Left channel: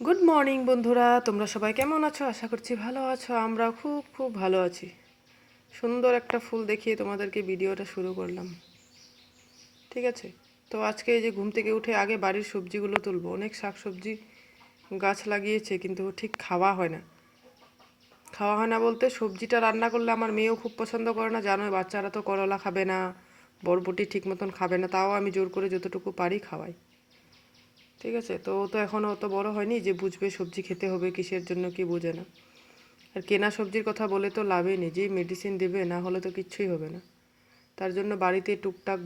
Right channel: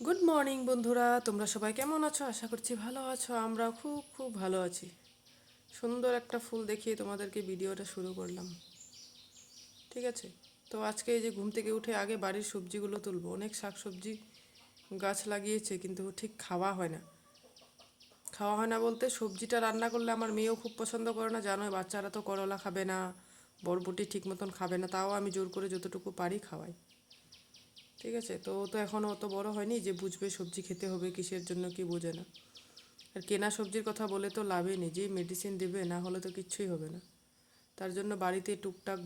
Good morning বন্ধুরা, তোমরা সবাই কেমন আছো? আশা করছি ভালো আছো। আমরা খুব খুব ভালো আছি। সুন্দর একটা ফুল দেখিয়ে তোমাদেরকে ভিডিওটা শুরু করলাম। ঠিক আছে, তো আজকে এই যে ঘুম থেকে উঠে আগে বাড়ির সবজিগুলো তুলবো। অনেক শাকসবজি গাছ লাগিয়েছে, কিন্তু ঠিক খাওয়া হয় না। খাওয়া হয় না বলতে, সবজিটা রান্না করলে আমার মেয়েও খুব পছন্দ করে না, জানোই। বাচ্চারা তো করলা খাবে না, বরবটি ঠিক মতন খাবে না, তাও আমি জোর করে যতটুকু পারি খাওয়াই। ঠিক আছে, তো ও তো এখনও অত বড় হয়নি যে বুঝবে সবজি খেতে হবে কিসের জন্য, কি বোঝে না। আর কেনা সবজির কথা বলে তো লাভই নেই, যেই মেডিসিন দেবে না হলে তো কিচ্ছুই হবে না। তার জন্য বাড়িতে টুকটাক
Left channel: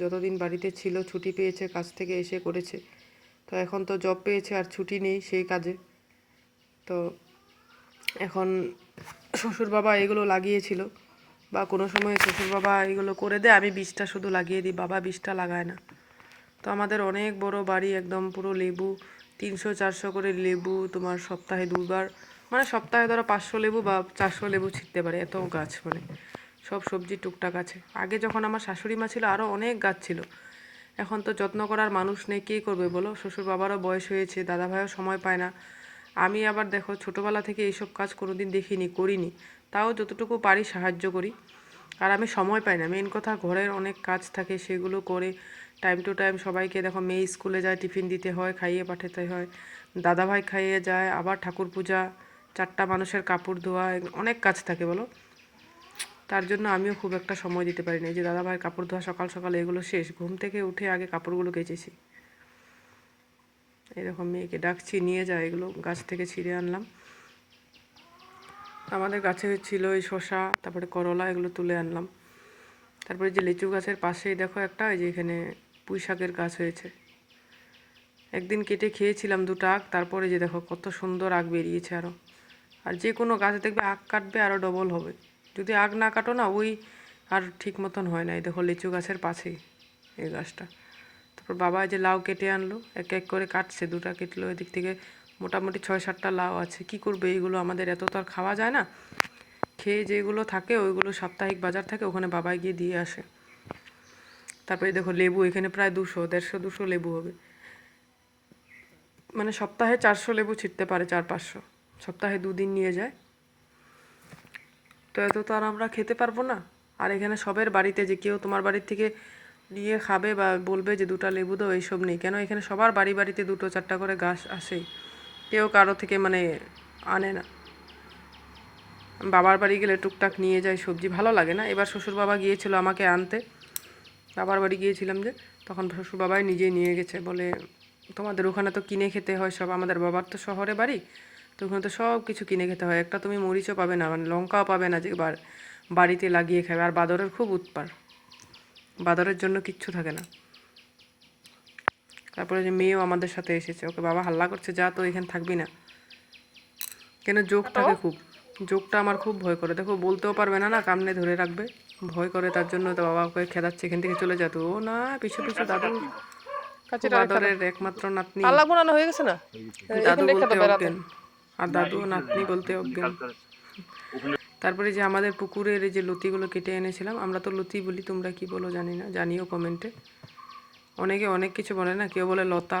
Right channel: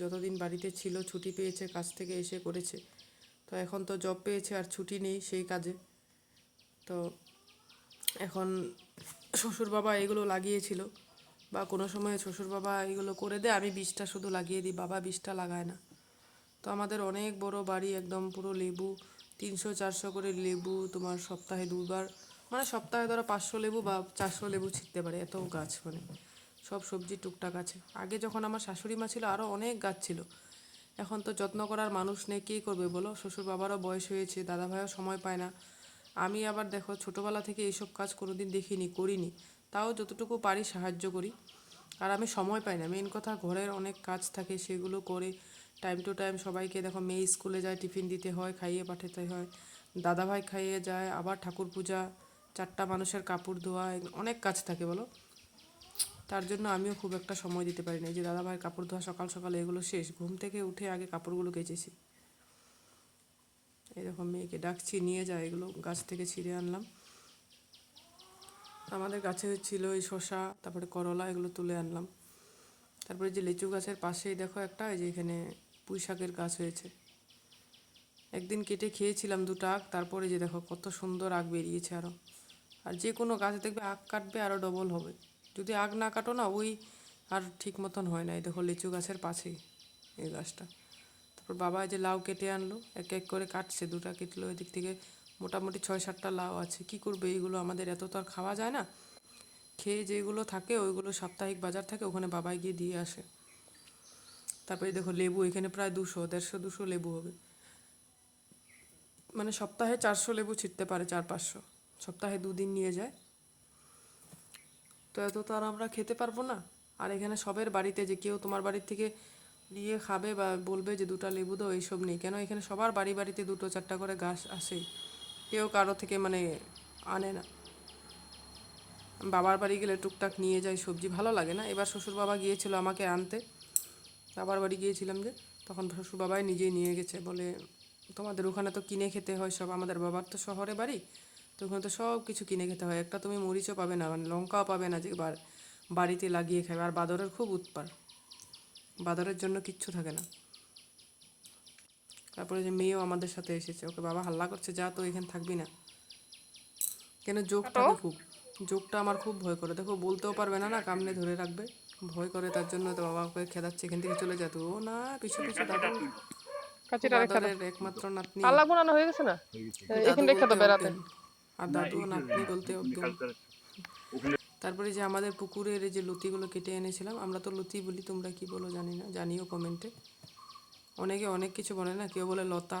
যতদিন বাড়িতে ছিল, ছুটি পেয়েছে কাজ থেকে এসে করেছে। তো এখন তো জব পেয়েছে আর ছুটি নেই সেই কাজে। তো এখন শ্বশুর বাবা এগুলো লাগিয়েছিল, বা কোনো সময় শ্বশুর বাবা এগুলো করে দেয়, আমি বীজটা শুধু লাগিয়ে দিই, বাবা বীজটা লাগায় না। তো আমাদের অনেক বড় বাড়ি, একদম পুরো লেবু, 300-400 করে লেবু, তোমার সপ্তাহে 2বার, মানে সপ্তাহে ধরো 500 লেবু বা 400 লেবু ছিঁড়তে পারে, এত গাছ। মানে সব সবজি টুকটাক আছে। আগে যখন আমার শাশুড়ি মা ছিল আরও অনেক গাছ ছিল। এখন তো যত্ন করার মানুষ নেই, কে করবে বলো? শ্বশুর বাবারও বয়স হয়েছে, দাদা ভাইও সময় পায় না। আমি আবার দেখো ছোটোবেলা থেকে এইসব কাজ কোনোদিন দেখিনি, করিনি, তাও যতটুকু পারি সাহায্য করি। আর আমি সময় পাই না, মেন কথা ঘরের অনেক কাজ থাকে, সেগুলো করে টাইম টু টাইম সবাইকে, দেখো মেয়ে স্কুলে যায়, টিফিন দিতে হয়, খাইয়ে পাঠাতে হয়, দাদাভাই খাইয়ে যায়, আবার ঠাকুর পূজা, 4টা মানুষের কাপড় ধোয়া, অনেক কাজ থাকে বলো। তার জন্য আমিও খুব একটা সময় দিতে পারি না। এই যে দাদাভাইয়ের কাপড় ধোয়া সকাল সকাল, এগুলো শেষ, ঘুম থেকে উঠে আগে কাপড়গুলো কেচেছি। এরকম মেয়েকে ডাকছি, নিয়ে যায়, এগুলো গাছ থেকে ছিঁড়ে আনলাম। আমাদের গাছে ছিল এই শসা, তারপরে করলা, এগুলো তুলে আনলাম। তারপরে যে লিচু গাছের পাশেই দেখো একটা, এই যে এখানে পুঁই শাকের গাছ হয়েছে। একদিন কেটে খেয়েছিলাম 2টা আগ, তারপরে যে দেখো কত সুন্দর আগ বেরিয়েছে আরও। আর যে কোনো গাছ দেখবে আগ কাটবে আরও ডবল হবে, যদি আগ না কাটো না ওই আর ঠিক মতন হয় না। এই দেখো লিচু গাছের পাশেই এই গাছটা। তারপর বাবা যে লাউ কেটে আনলো, এক এক করে কাটছে, 2টা কেটলো, এদিক থেকে মোটামুটি 6-7টা লাউ আছে। কি করবে এইগুলো, আমাদের এত তো আর খাওয়া যায় না। খেয়ে যেগুলো থাকে ওইগুলো সাপ্তাহিক বাজার থাকে, ওখানে বাবাই গিয়ে দিয়ে আসে। তারপরে দেখো লেবু, এখানে প্রায় 200, 150, 200 লেবু হবে। মানে সপ্তাহে 400 লেবু ছিঁড়তে পারে, 400-500, সপ্তাহে 2 দিন নিয়ে যায়। তো এত তো আর আমরা খেতে পারবো না। আর এখানে সবের বাড়িতে যে কেউ তোমার বাড়ির থেকে নিয়ে খাবে বা বলবে যে 2টা লেবু দাও, এইসব নেই। কেন, এখানে সবার বাড়ি বাড়িতে 2-4টা করে গাছ আসেই, কেউ কারো থেকে মানে আনে না। বাবার বাড়ি গেলে টুকটাক নিয়ে যায় সবজি, ভালো লাগে না? এবার শ্বশুর বাবা গিয়েছিল আমাকে আনতে, বাবার বাড়ি গিয়েছিলাম যে, তখন শ্বশুর বাবাই নিজেই নিয়ে গেছে, বলে তোমাদের ওখানে তো কিনে খেতে হয় সব, আমাদের বাবার তো শহরে বাড়ি, তো ওখানে তো সব কিছু কিনে খেতে হয়, একটা তুমি মরিচও পাবে না, মানে লঙ্কাও পাবে না যে বাড়িতে লাগিয়ে খাবে। আর বাদরের খুব উৎপাত, বাদরের জন্য কিচ্ছু থাকে না। তারপরে যে মেয়েও আমাদের সাথে এসেছে, ওকে বাবা হাল্লা করছে, যা তো এখানে থাকবি না। কেন, যোগ থাকে খুব, যোগটা আমার খুব ভয় করে। দেখো বলতেও পারবে না, না কামনে ধরে রাখবে, ভয় করে। তার জন্য তো বাবা ওকে খেদাচ্ছে, এখান থেকে চলে যেত। ও না, পিছু পিছু দাদু, খুব আদরের একমাত্র নাতনি, হয়ে গেছে না দাদু বলতে অজ্ঞান, আর দাদু নাতনি বলতে অজ্ঞান। তারপরে যে আমাদের পুকুরের এই যে লতিগুলো কেটে এনেছিলাম, আমরা তো লতি বলি, তোমরা কি বলো জানি না, জানিও কমেন্টে। অনেকে অনেক কিছু বলে না, কেউ বলে লতা,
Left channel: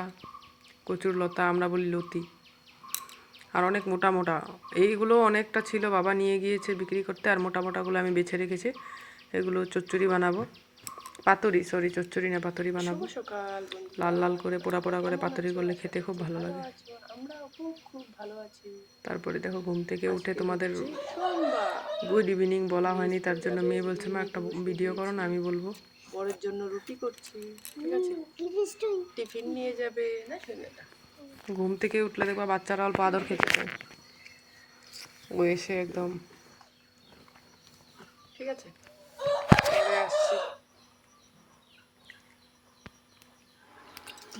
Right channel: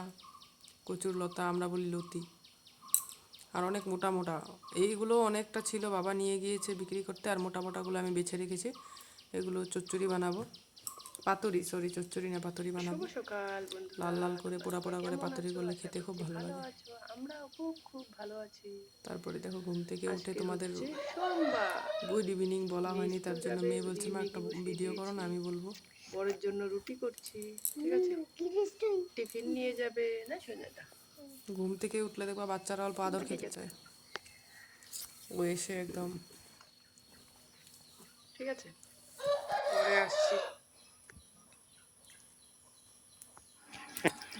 কচুর লতা, আমরা বলি লতি। আর অনেক মোটা মোটা, এইগুলো অনেকটা ছিল, বাবা নিয়ে গিয়েছে বিক্রি করতে, আর মোটা মোটাগুলো আমি বেছে রেখেছি, এগুলো চচ্চড়ি বানাবো। পাতুরি, সরি, চচ্চড়ি না, পাতুরি বানাবো। সকাল লাল বন্ধুরা, লাল করে পোড়া পোড়া করে কেমন পাতুরি আছো? করলে আশা খেতে খুব করছি ভালো ভালো লাগে। আছো। আমরাও খুব খুব ভালো আছি। তারপরে দেখো ঘুম থেকে উঠে আজকে তোমাদের হচ্ছে সোমবার, গুড ইভিনিং বলা মেয়ে হয়নি, তার স্কুল জন্য যাবে, মেয়ে বলছে এদিকে মা একটা মেয়েকে বসিয়ে ভিডিও করো দিয়েছি, না, আমি বলবো। বরের জন্য রুটি করছি। ঠিক আছে, টিফিন নিয়ে যাবে না, খেলে না। ঘুম থেকে উঠলে দেখবা বাচ্চারা অল্প আদর খেতে চায়, ও এসে একদম। ঠিক আছে, পরে আসছি।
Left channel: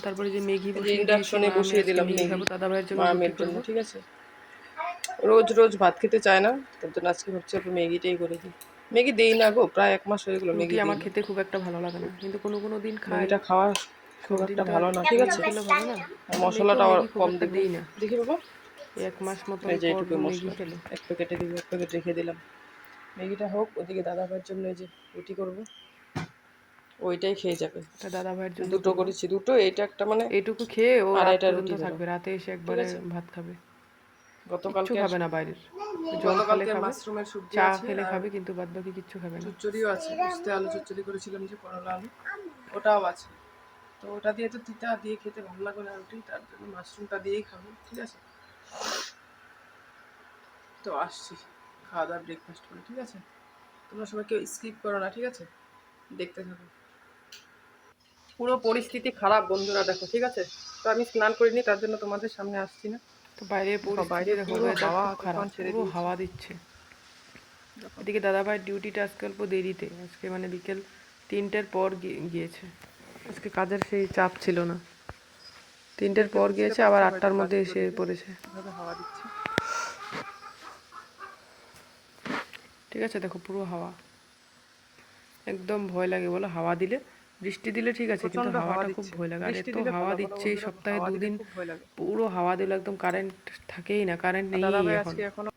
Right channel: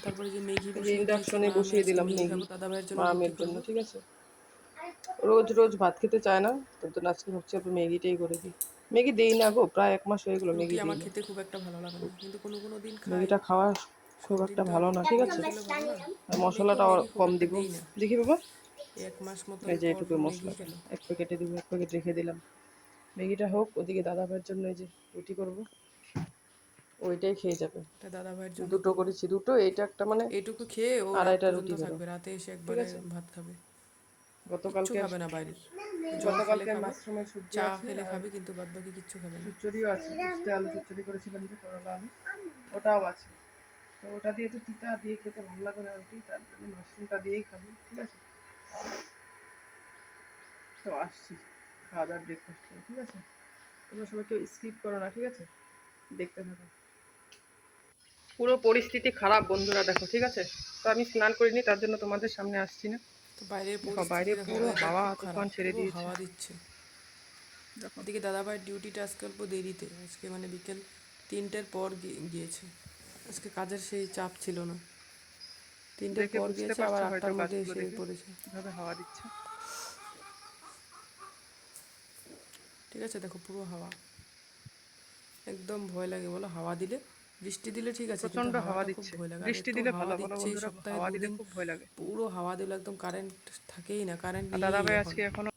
তারপরে যে ম্যাগি এই যে বসিয়ে দিয়েছি, ইন্ডাকশনে মা আমি বসিয়ে আজকে দিলাম ম্যাগি ম্যাগি, খাবো, দাদা ভাইয়ের জন্য মা রুটি আমের জন্য। করবো। ঠিক আছে, রোজ রোজ ভাত খেতে চায় না, তার জন্য আজকে ভাবছি একটু ম্যাগিটাই করে দিই। ম্যাগি দেই না গো, প্রায় 1 মাস হয়ে গেলো রুটি ম্যাগি দিই আমার না। খেতে খুব একটা ভালো লাগে না, কিন্তু কোনো কোনো দিন খাই। ম্যাগিটা খাওয়া খুব সব দিন একটা তো আর ভালো না। ঠিক ম্যাগি আছে, খেলে ভালো না। আর আমার মেয়েকেও মশলাটা ম্যাগি খুব কম একটা দিব। দেই না। দেখি বাবা, 1 মাস মতন এই যে পর এইটুকু ম্যাগি মশলা, খেলো। 1 প্যাকেটে দিব, 1 প্যাকেট রেখে দিলাম। ম্যাগিটা হোক, ওদিকে দাদা ভাইয়ের জন্য এই যে রুটি করবো। ওইটাই খেয়ে যাবে। এটা দাদা ভাইয়ের জন্য দুটো করবো। করেছি, দুটো, এইটা একটা মানে এইটুকু খেয়ে ও রাত 2.5টা পর্যন্ত রুটি দিলাম। থাকবে, রাতে এসে ঠিক একবারে আছে, ভাত খাবে। কিচ্ছু গতকালকে খাবে না বাইরের, জল খেলে গতকালকে খাবে, মাশরুমের সবজি চা আছে খেলে আর খাবে, কিন্তু বাদ বাকি কিচ্ছু খাবে না। চচ্চড়িও আছে, উস্তে আলু চচ্চড়ি করেছিলাম যে করলা আলু, ওটাও আছে। তো ওটা দিয়ে তো তিতা দিয়ে খেতে ভালো লাগবে না রুটি, তার জন্য মাশরুমটা দিয়েই খাবো। ঠিক আছে, তো আসছি খাওয়া দাওয়া ব্রেকফাস্ট করে। ঠিক আছে, তোমরা সবাই কেউ স্কিপ করো না, ঠিক আছে, দেখতে থাকো। পুরো পরিস্থিতি খারাপ বন্ধুরা, দেখো। ঠিক আছে, তো আমি স্নান করিনি, তার জন্য তোমাদের সামনে আসছি না। তো বাইরের দেখো পরিস্থিতি বাইরে দেখো, পুরো ওয়েদার হাওয়া খুব খারাপ, তুফান ছেড়ে পুরো দিয়েছে। হাওয়া দিচ্ছে। দেখো এদিকে দাদা ভাইয়ের ডিউটিটা আজকে অল্প দেরিতে, আজকে মানে বিকেল 3টের পর গিয়েছে। আজকে কাজের সেই চাপ ছিল না, 3টের দেখে পর বুঝতে গিয়েছে, আবার পারছো 8টার হয়তো মধ্যে বাস্তুর এসে দিকে পড়েছে। কীভাবে হাওয়া দিচ্ছে। ঠিক আছে, দেখো পুরো হাওয়া, একদম ভয় লাগে বলো হাওয়া দিলে। বৃষ্টি দিলে ঠিক আছে, কিন্তু প্রচন্ড হাওয়া হাওয়াটা খুব দিচ্ছে, ভয় লাগে। আর বৃষ্টি এত দিলে হাওয়া ভালো, বলো দিচ্ছে এই বন্ধুরা, সপ্তাহে হাওয়া দিলে 2 দিন, খুব ভয় লাগে। পুরো হাওয়া দিলে, একদম কারেন্ট থাকেই না, কারেন্ট আর নেই দাদা ভাই এখন। আজকে এখনো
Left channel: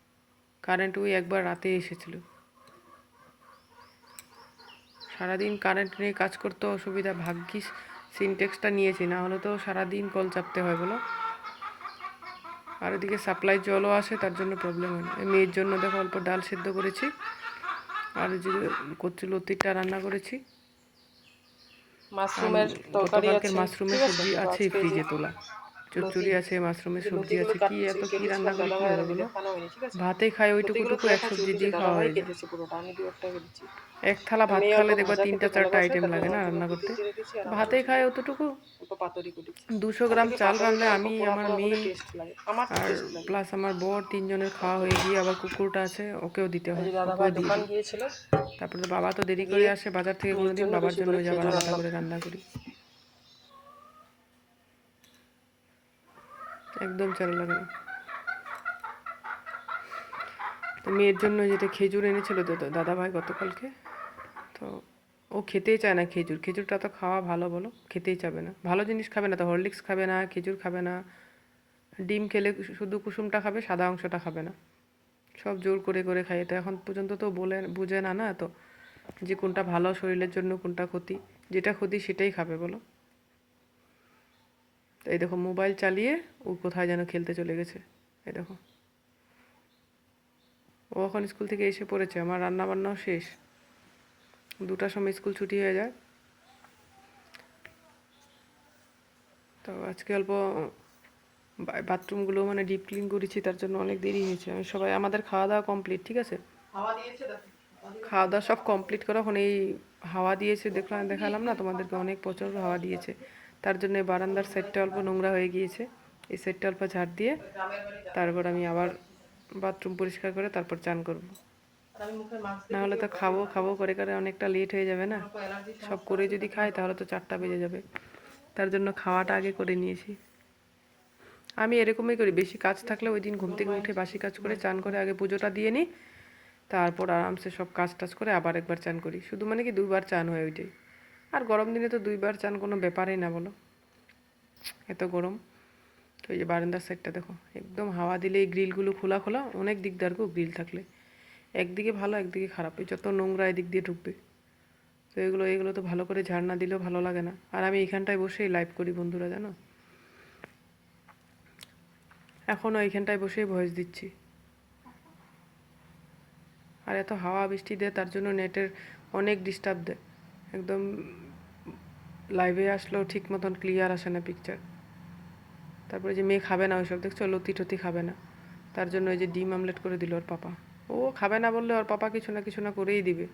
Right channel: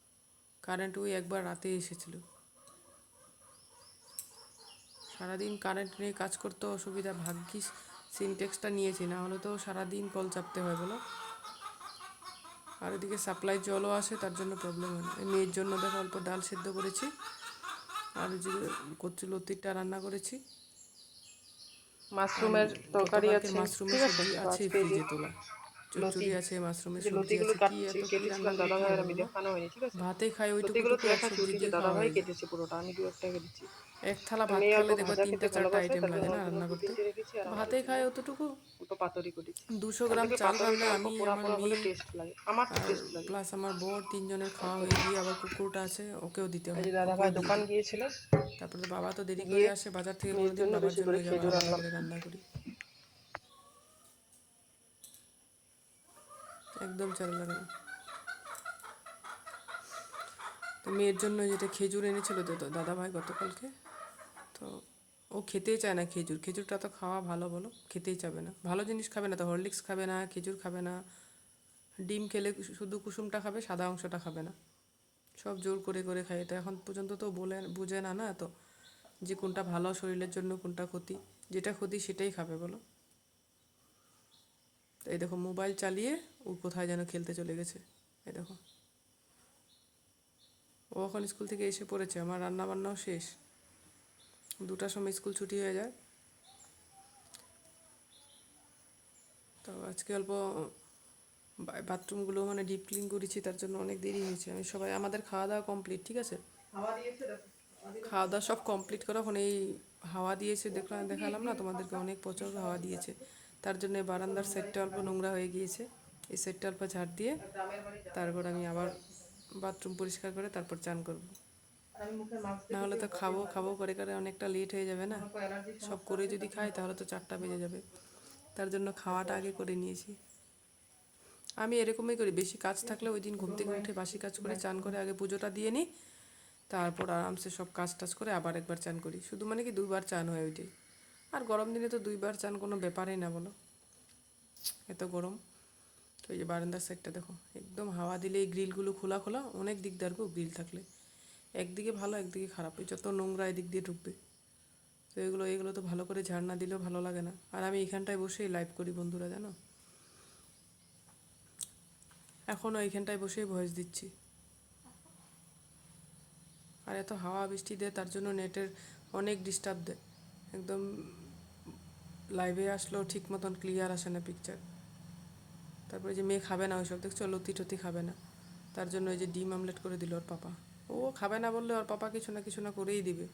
কারেন্ট ওই একবার রাতে এসেছিল। সারাদিন কারেন্ট নিয়ে কাজ করতে অসুবিধা, ভাগ্যিস সিনটেক্সটা নিয়েছি, না হলে তো সারাদিন কল চাপতে হয় বলো। আর এদিকে সাপ্লাই জলও আসে, তার জন্য প্রবলেম হয় না। এই মেয়ের জন্য দেখো অল্প ডাল সেদ্ধ করেছি, আর যে কচু লতিটা রান্না করেছি, আর মাশরুমের তরকারি গতকালকের আছে। মাশরুমের ঠিক আছে, সবজি তো আছে আজকে যে ফ্রিজে তোলা, লতি, চচ্চড়ি আছে, মাশরুমের যে সবজি লতিগুলো আছে, কি কাটছি এত কি রান্না কেটেছিলাম, করি দাদা কি ভাই হবে আর বলো। দেখানো হয়নি। ঠিক আছে, ভাতে খাই ওইটুকু লতিগুলো তো এক দেখা সবজি চলছে যে দিয়ে দাদা খাওয়া ভাই হয়ে যায়। কেটেছে পুরোটা, আমি দু একটা কেটেছি। এক থালা তো ভাত মেয়ে অল্প খালে দেখবা ভাজা খেতে 3টা 4টা ভালোবাসে, আইটেম তার লাগে জন্য না অল্প রান্না লতি করতে। দিয়ে রেখেছি, আর আমার ভাতে জন্য খায় অতটুকু, অল্প পাতুরি কেটেছি। 200 তার গ্রাম থেকে চাল রান্না পাতুরিটা অল্প আমি, পোড়া আমার পোড়া হলে মেয়ে, টেস্ট লাগে, আমার তো আর টেস্ট লাগে। প্লাস আমার বর, 3জনের খাওয়া হয়ে গিয়ে আবার কুকুরটা আছে, ওকেও দিতে এই হয়, যে দাদা ওকেও ভাই দিয়ে দোকান দিই। গিয়েছিল, তারপরে তো বাবা তো দেরি করে গিয়ে আসে বাজার থেকে, মেয়ের কোনোদিন জন্য বাবার বেশি জন্য করে ওই যে আবার খেজুর আলাদা রান্না করে করে। রান্না করি। একদম চাল লাগে না। তো মেয়ের জন্য যেটা খেজুর এনেছিল দাদা ভাই গতকালকে, তো ও খেতেই চায় না খেজুর, খেজুরটা তো খাওয়া ভালো বলো, খেতেই চাবে না, ভালো জিনিস খাবে না, তো হরলিক্স খাবে না, খেজুর খাবে না, ডিম খেলে শুধু কুসুমটা খাবে, সাদা অংশটা খাবে না, সব জোর করে করে খাই। তো এখন পর্যন্ত তো বলে বুঝে না, না তো, যে কোনটা ভালো শরীরের জন্য, কোনটা ক্ষতি, যেটা ক্ষতি সেটাই খাবে বলো। তো এই দেখো মোবাইল চালিয়ে ও কোথায় যেন খেলতে চলে গেছে, এই দেখো। ও এখন স্কুল থেকে এসে পড়েছে, আমার রান্না বান্নাও শেষ, 2টার সময় স্কুল ছুটি হয়ে যায়। তো আজকে অল্প বাথরুমগুলো মানে ডিপ ক্লিন করেছি, তার জন্য অনেক দেরি হয়েছে। আমি সবাই, আমাদের খাওয়া দাওয়া কমপ্লিট, ঠিক আছে, হাওয়া দিয়েছে দেখো। খাওয়া দাওয়া সব কমপ্লিট করা, এখন এই হাওয়া দিয়েছে, দেখালাম না তোমাদেরকে, অনেক প্রচুর হাওয়া দিয়েছে, তার জন্য এই বারান্দার সাইডটা অল্প নোংরা হয়ে গিয়েছে, এই সাইডটা অল্প ঝাড় দিয়ে তারপর আমি আবার বাথরুম পরিষ্কার করে তারপর চান করব। আর আমি মুখে মাছ না দিয়ে হলে তো খাবো খাবো করে করে অনেকটা লেট হয়ে যাবে না, অ্যালার্জি সব করে যদি খাই তাহলে তো 4টা বেজে যাবে, তার জন্য খাওয়াটা আগে করে নিয়েছি। আমি এরকমই করি, বেশি কাজ থাকলে ওই দিন ঘুম থেকে উঠে বাসি কাজ করে চান করে আগে পুজোটা দিয়ে নিই, তারপর আরামসে সব কাজ টাজ করে আবার একবার চান করি, শুধু মানে কি 2বার চান হয় ওইটাই। আর গরম দিনে তো 2বার চান কোনো ব্যাপারই না বলো, এত গরম। তো এই যে বারান্দার সাইডটা দেখো, একদম হাওয়া দিলে এই গ্রিলগুলো খোলা খোলা, অনেক দিকদার গো গ্রিল থাকলে, একদিকে ভালো একদিকে খারাপ, এই যত নোংরা এদিক দিয়ে ঢুকবে। তো এগুলো তো ভালো করে ঝাড় না দিলেও ভালো লাগে না। আর আমি এখানটায় বসেই লাইভ করি বন্ধুরা, জানো, এখনও এইখানটায় বসেই ভয়েস দিচ্ছি। আর এত হাওয়া বৃষ্টি দেয়, তার জন্য নেটের অনেক ডিস্টার্ব দেয়, একদম লাইভে আসলেও ঠিক মতন ক্লিয়ার আসে না পিকচার। তারপরে যে মেয়ে খাবে না ওইসব, দেখছো লতি টতি খাবে না, তার জন্য ওই যে ডিম আমলেট করে দিল ওর পাপা, ও খাবে না বললে ওর পাপা কিছু না করেই দিবে।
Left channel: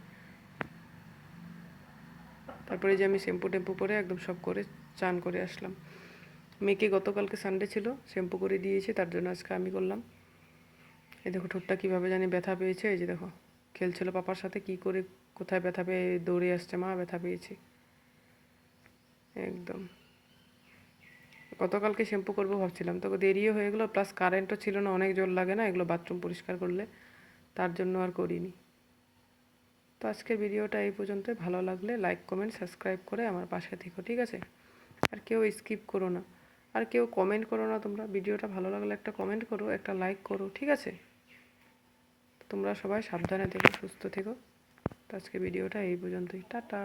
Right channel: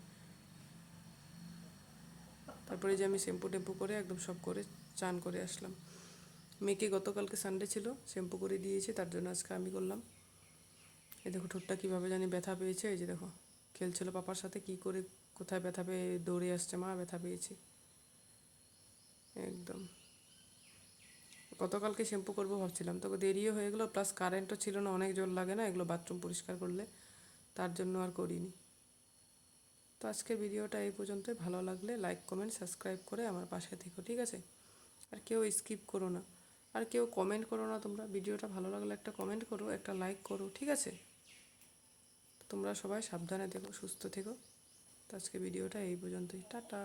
তারপরে যে আমি শ্যাম্পু টেম্পু করে একদম সব করে চান করে আসলাম। মেয়েকে গতকালকে সানডে ছিল, শ্যাম্পু করে দিয়েছে, তার জন্য আজকে আমি করলাম। এই দেখো ঠোঁটটা কীভাবে জানি ব্যথা পেয়েছে, এই যে দেখো খেলছিল পাপার সাথে, কি করে কোথায় ব্যথা পেয়ে দৌড়ে আসছে, মা ব্যথা পেয়েছে একদম। গতকালকে শ্যাম্পু করবো ভাবছিলাম, তো দেরিও হয়ে গেলো, প্লাস কারেন্টও ছিল না, অনেক জল লাগে না এগুলো বাথরুম পরিষ্কার করলে, তার জন্য আর করিনি। তো আজকের ভিডিওটা এই পর্যন্তই, ভালো লাগলে লাইক কমেন্ট সাবস্ক্রাইব করে আমার পাশে থেকো, ঠিক আছে, আর কেউ স্কিপ করো না, আর কেউ কমেন্ট করো না, তোমরা ভিডিওটা ভালো লাগলে একটা কমেন্ট করো, একটা লাইক করো, ঠিক আছে। তোমরা সবাই সাবধানে থেকো, সুস্থ থেকো। তো আজকে ভিডিওটা এই পর্যন্তই, টাটা।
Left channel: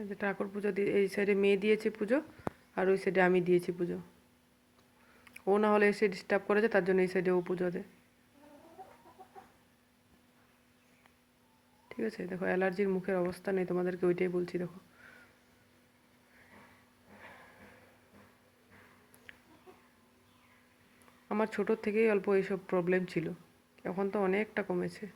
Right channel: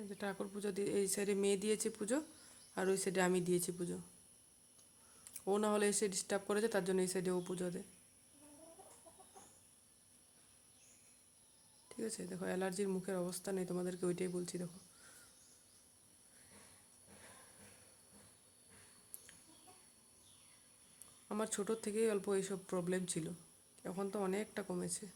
এই যে ঠাকুর পুজো দিয়ে এই সাইডে মেয়ে দিয়েছে পুজো, আর ওই সাইডে আমি দিয়েছি পুজো। ও না হলে এসে ডিস্টার্ব করেছে, তার জন্য এই সাইডে ও পুজো দেয়। ঠিক আছে, দেখো অ্যালার্জির মুখের অবস্থা নেই, তোমাদেরকে ওইটাই বলছি। দেখো আমার ছোটোর থেকেই অল্প এইসব প্রবলেম ছিল, এখন তো অনেকটা কমেছে।